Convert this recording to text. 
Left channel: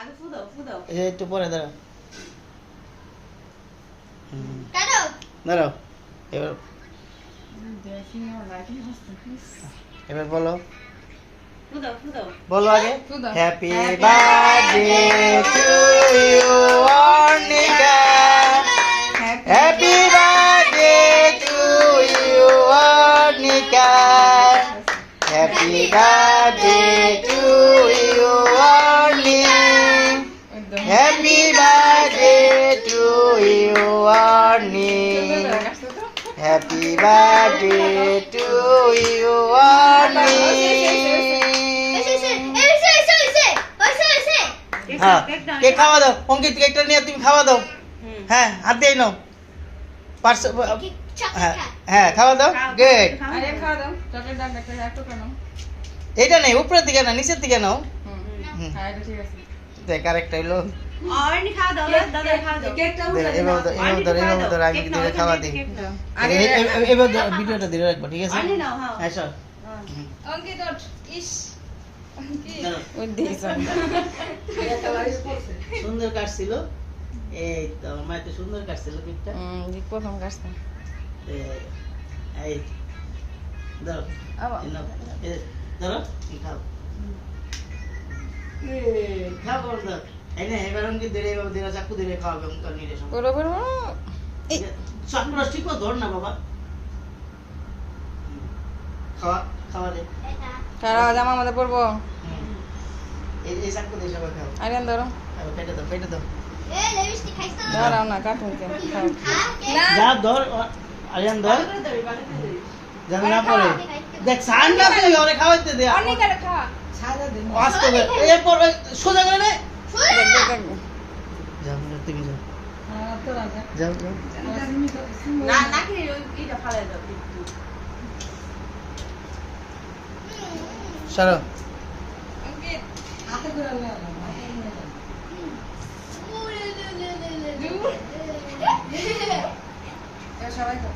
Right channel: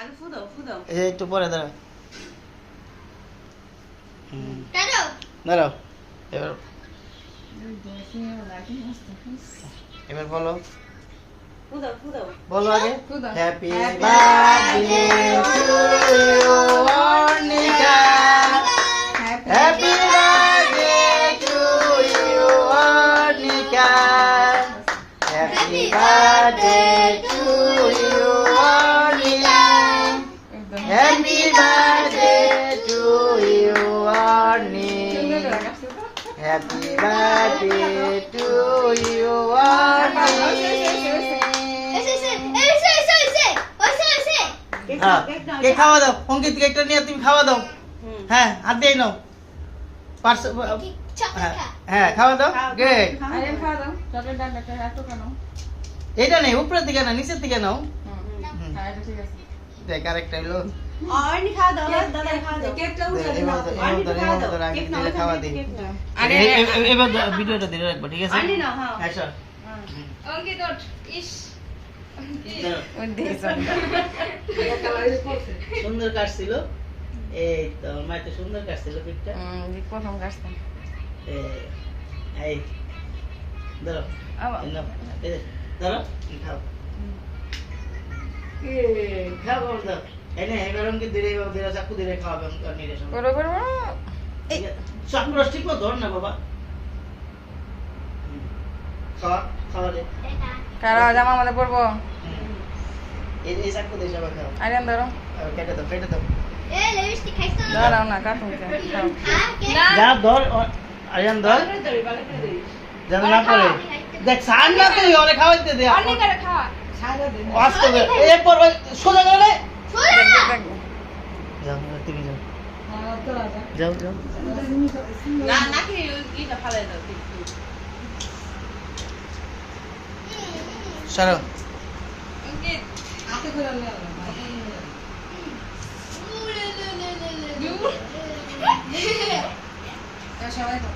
আগে ফু দাও ফু দাও। এই একটু পরে দাঁড়াও। দাঁড়াও এবার এবার বলো ফু দাও ফু দাও। বলো আগে happy birthday to you Arnika happy birthday to you Arnika happy birthday to you Arnika happy birthday to you Arnika happy birthday to you cake খাওয়া দাও অঙ্কিত কেকটা নিয়ে তুমি খাওয়া দাও হ্যাঁ হাত দিয়ে নাও পার্স হ্যাঁ খাওয়া দাও গুড এটা নেই উপরের দিকে না নিচের দিকে নাও দেখ আরেকটা হইলো অর্ণি খাওয়া দাও দাদা খাওয়া দাও। কেকটা উঠা দাও। অর্ণি খাওয়া দাও। কেক নাও খাওয়া দিই কেক নাও। এবার ভিডিওটা দিলে রাখবো ঠিক আছে অর্ণি নাও হ্যাঁ। হ্যাঁ স্যার অঙ্কিত ইস সুন্দর কাটছিল এই তো মা তো সুন্দর কাটছিল কেকটা প্রথম কাজটা এই দাও ধরো খাও খাও দাও এই নে এবার অঙ্কে ধীরে চাকু ধীরে খাওয়াবে নিজের সঙ্গে করো করো চাকু রস ঠিক ধর না বাবা খাওয়া খাওয়া দে কারা জামা আমাদের পরবো এই চাকু দিয়ে সবাই খাও আরিয়ান ধরো কেটে দাও কেটে দাও ধরাও না কাটুন যা ধর আরিয়ান ধর যেন না পড়ে দেখ সান না তুই ওরে খাওয়াইতে দে অনেক করে খাওয়া আস্তে দে এরপর সোজা করে নে যাও তুমি যাও যাও যাও না নাকি এইটা ফালাই দাও কেক। সরো অঙ্কিত হাতে করে নাও সবাই তো